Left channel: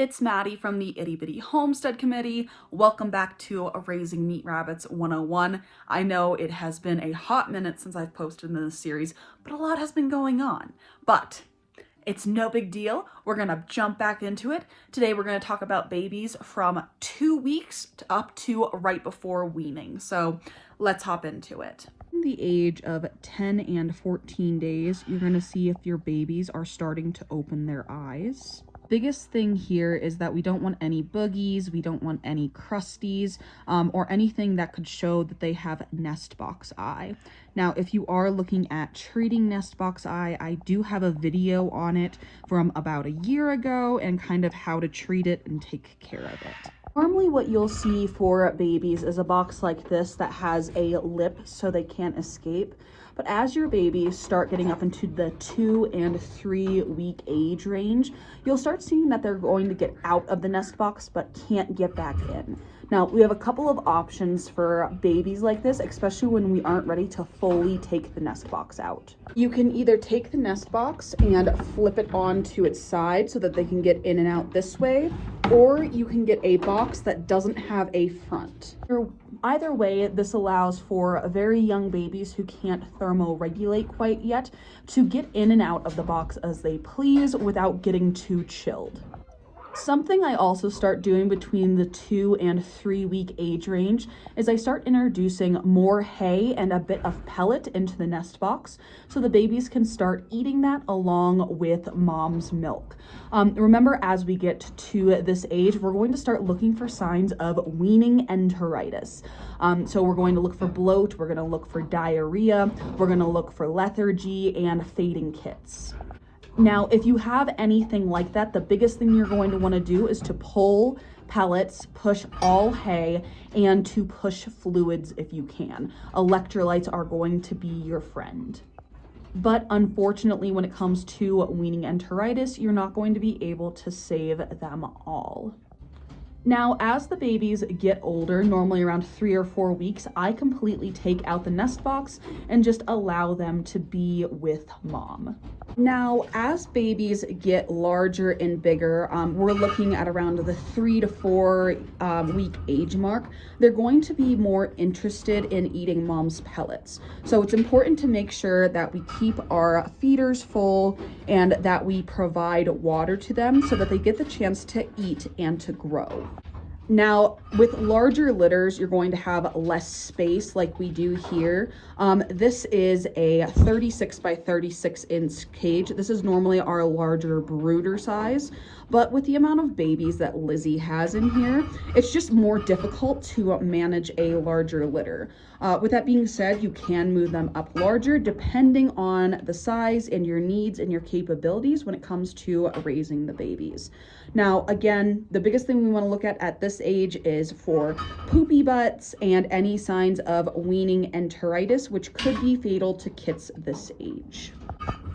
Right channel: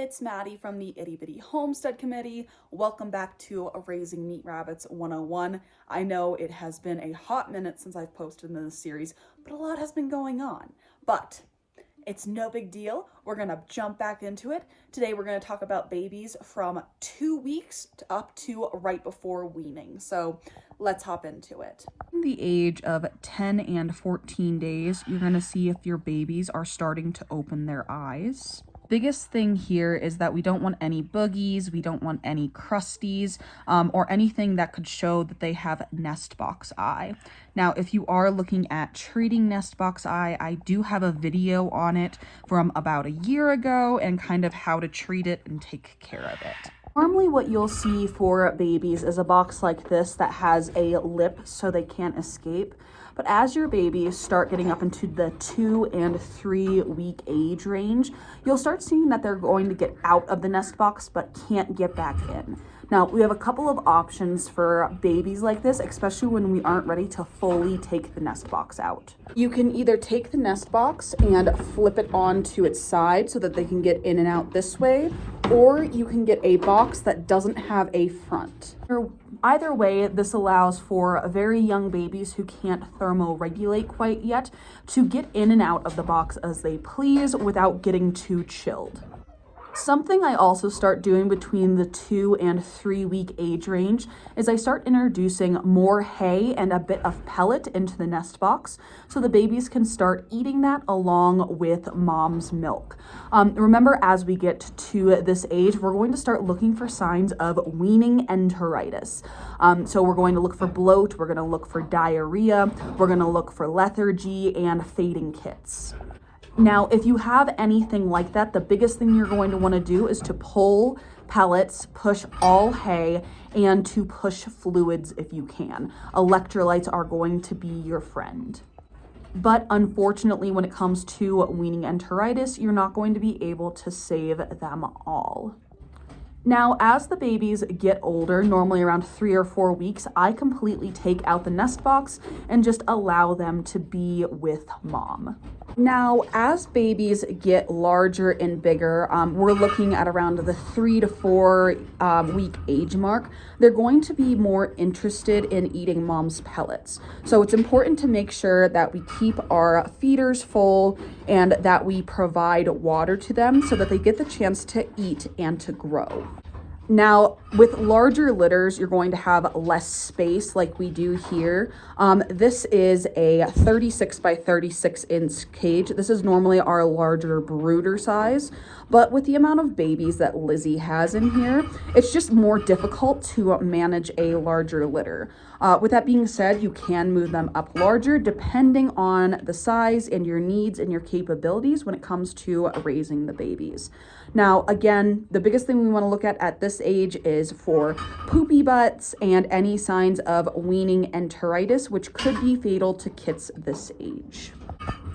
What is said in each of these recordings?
it's Maddie from the Itty Bitty Homestead Committee. Welcome back to Raising Meat Rabbits 101. I know it has been a hot minute since I've posted in this series, but a lot has been going on. But it's no big deal. We're gonna jump back into it. Today we're gonna talk about babies from 2 weeks up to right before weaning. So let's hop into it. In the age of 10 and 14 days, you're going to see if your babies are starting to open their eyes. Biggest thing here is that we don't want any boogies, we don't want any crusties, or anything that could show that they have nest box eye. Now, if you are looking at treating nest box eye, I do have a video on it from about a year ago and kind of how to treat it and take care of it. Normally what you'll see for babies is a box like this that has a lip so they can't escape. But as your babies start getting up into the 2 and 3 week age range, you'll start seeing that they're going to get out of the nest box but can't get back in. Now, we have a couple of options for babies like this, especially when we aren't ready to fully take the nest box out. You can either take the nest box and flip it onto its side so that they can get in and out this way, or you can get a box that doesn't have a front. Either way, this allows for very young babies who can't thermoregulate quite yet to get in and out of the box as they please without getting too chilled. Something I also start doing between the 2 and 3 week age range is I start introducing more hay and a bit of pellet into the nest box so the babies can start eating that along with mom's milk. Remember, as we get to this age, we're going to start looking for signs of weaning enteritis. So we're going to look for bloat, we're going to look for diarrhea, we're going to look for lethargy and fading kits. Now, if you have anything like that, the biggest thing you're going to want to do is to pull pellets, push all hay, and to push fluids if you can. Electrolytes are going to be your friend. But unfortunately, when it comes to weaning enteritis, you're not going to be able to save them all. Now, as the babies get older, normally around 3 or 4 weeks, I completely take out the nest box and just allow them to be with mom. Now, as babies get larger and bigger, we're looking at around the 3 to 4 week age mark. They're going to be more interested in eating mom's pellets. So it's important to make sure that we keep our feeders full and that we provide water to them so that they get the chance to eat and to grow. Now, with larger litters, you're going to have less space like we do here. This is a 36 by 36 inch cage. This is normally our larger brooder size, but with the amount of babies that Lizzie has in here, it's just more difficult to manage a larger litter. With that being said, you can move them up larger depending on the size and your needs and your capabilities when it comes to raising the babies. Now, again, the biggest thing we want to look at this age is for poopy butts and any signs of weaning enteritis, which could be fatal to kits this age.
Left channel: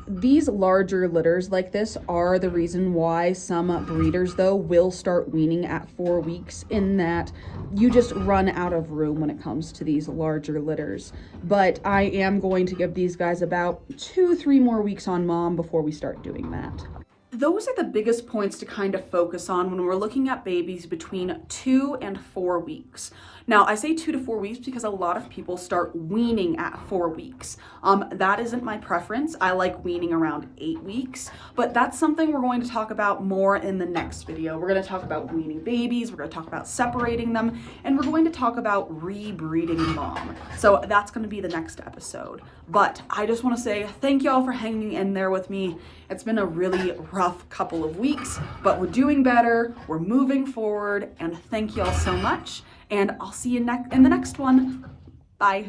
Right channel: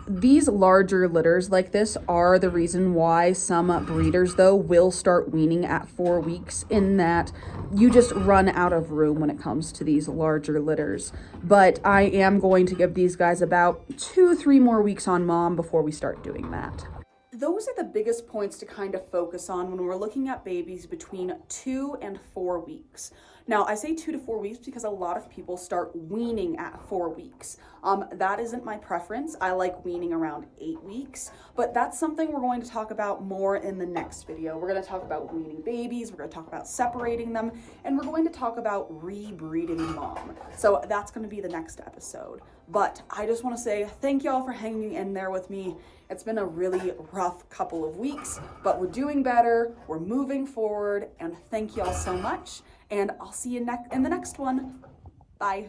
These larger litters like this are the reason why some breeders, though, will start weaning at 4 weeks, in that you just run out of room when it comes to these larger litters. But I am going to give these guys about 2-3 more weeks on mom before we start doing that. Those are the biggest points to kind of focus on when we're looking at babies between 2 and 4 weeks. Now, I say 2 to 4 weeks because a lot of people start weaning at 4 weeks. That isn't my preference. I like weaning around 8 weeks, but that's something we're going to talk about more in the next video. We're going to talk about weaning babies, we're going to talk about separating them, and we're going to talk about rebreeding mom. So that's going to be the next episode. But I just want to say thank y'all for hanging in there with me. It's been a really rough couple of weeks, but we're doing better, we're moving forward, and thank y'all so much. And I'll see you in the next one. Bye.